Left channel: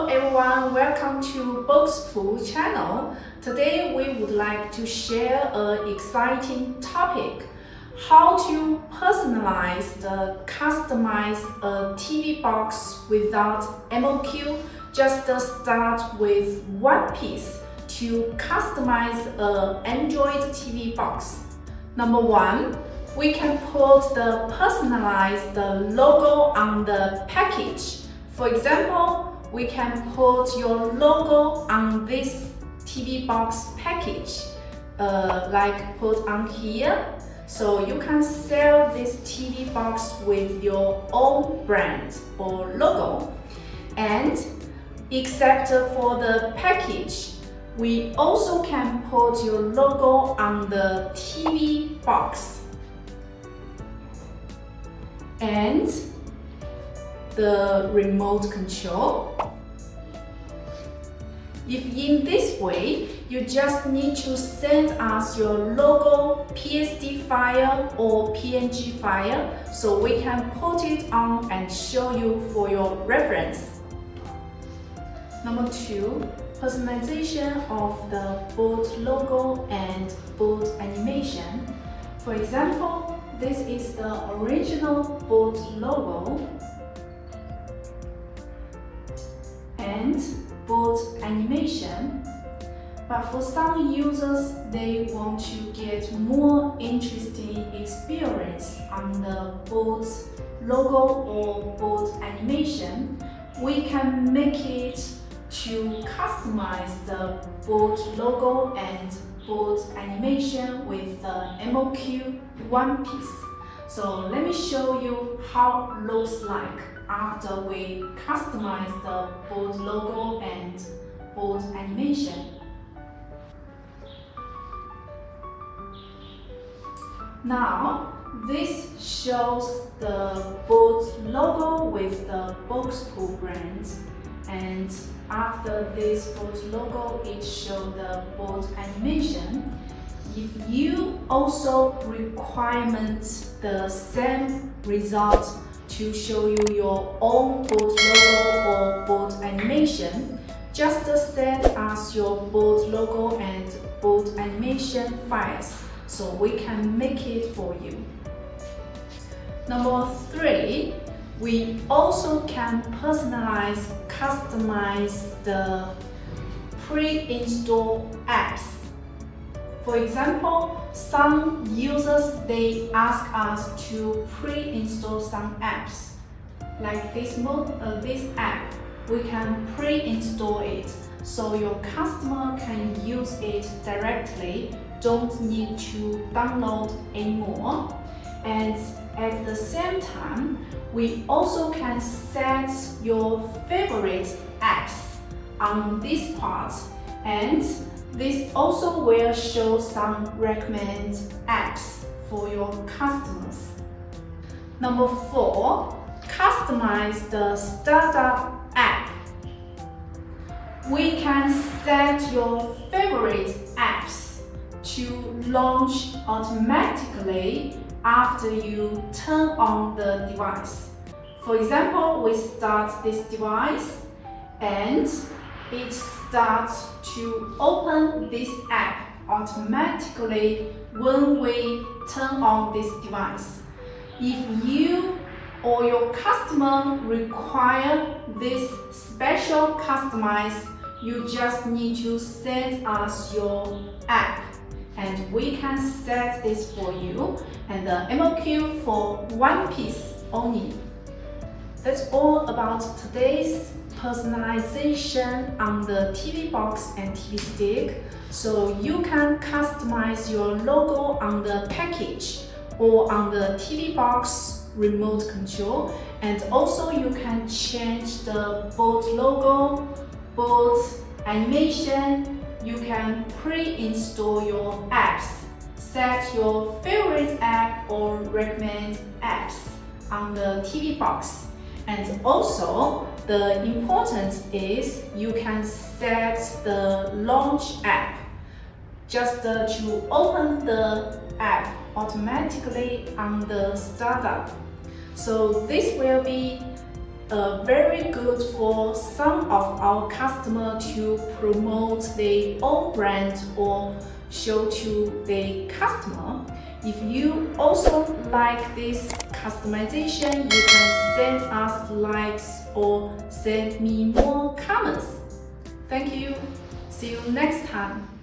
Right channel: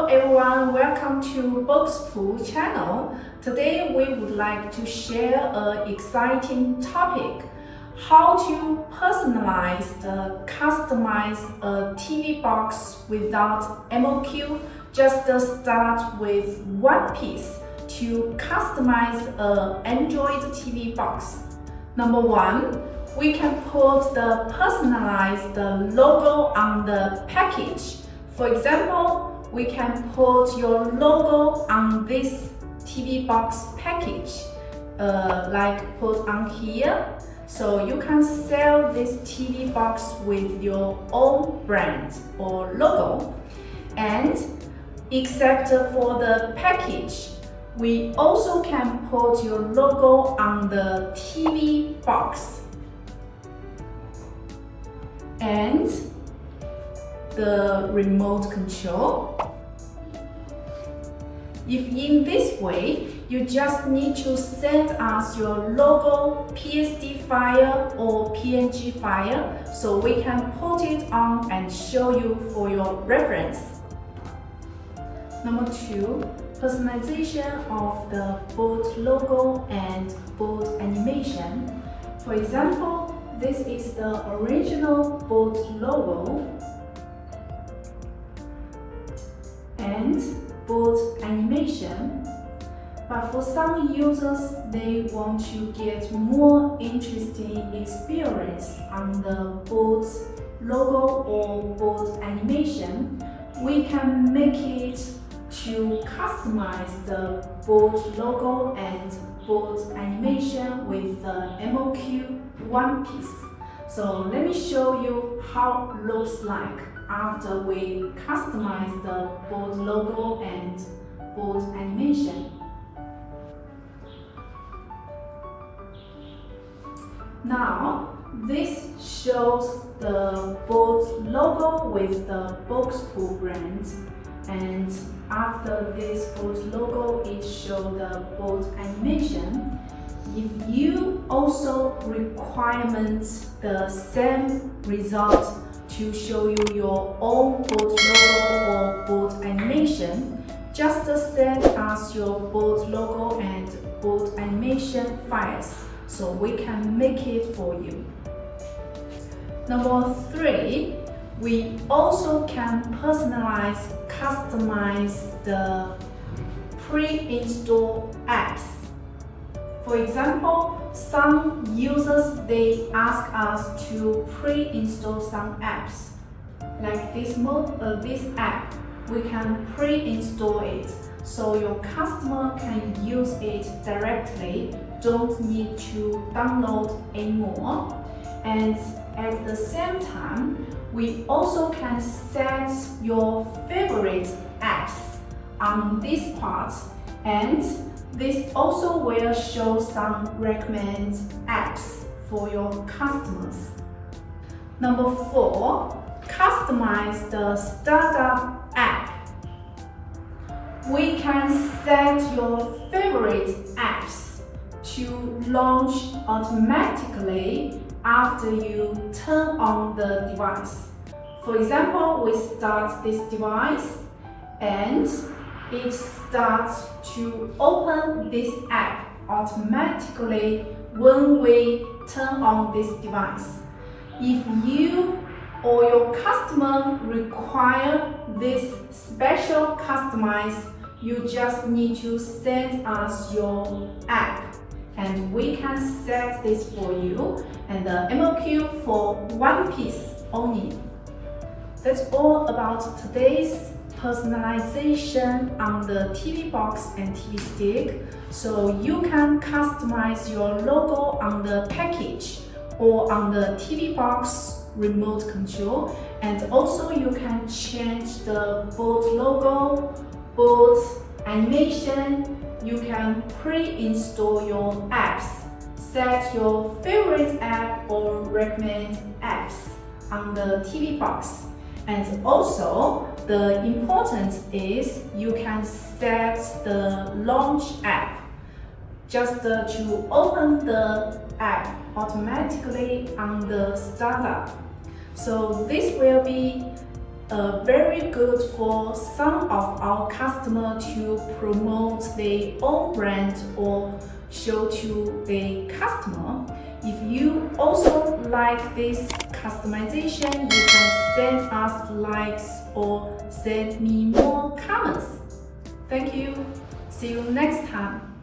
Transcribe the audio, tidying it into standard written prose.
Hello everyone, welcome to BOXPUT channel. Today we would like to share an exciting topic: how to personalize the customize a TV box without MOQ. Just start with one piece to customize an Android TV box. Number one, we can put the personalized logo on the package. For example, we can put your logo on this TV box package, like put on here. So you can sell this TV box with your own brand or logo. And except for the package, we also can put your logo on the TV box and the remote control. If in this way, you just need to send us your logo PSD file or PNG file so we can put it on and show you for your reference. Number two, personalization of the board logo and board animation. For example, this is the original board logo and board animation, but for some users they want to get more interesting experience on the board logo or board animation. We can make it to customize the board logo and board animation with the MOQ one piece. So let me show you how it looks like after we customize the board logo and board animation. Now, this shows the board logo with the BOXPUT brand, and after this board logo, it shows the board animation. If you also require the same result to show you your own board logo or board animation, just send us your board logo and board animation files so we can make it for you. Number three, we also can personalize, customize the pre-installed apps. For example, some users they ask us to pre-install some apps. Like this app, we can pre-install it so your customer can use it directly, don't need to download anymore. And at the same time, we also can set your favorite apps on this part, and this also will show some recommended apps for your customers. Number four, customize the startup app. We can set your favorite apps to launch automatically after you turn on the device. For example, we start this device and it starts to open this app automatically when we turn on this device. If you or your customer require this special customize, you just need to send us your app and we can set this for you, and the MOQ for one piece only. That's all about today's personalization on the TV box and TV stick. So you can customize your logo on the package or on the TV box remote control, and also you can change the board logo, board animation. You can pre-install your apps, set your favorite app or recommend apps on the TV box. And also, the important is you can set the launch app just to open the app automatically on the startup. So this will be very good for some of our customers to promote their own brand or show to the customer. If you also like this customization, you can send us likes or send me more comments. Thank you. See you next time.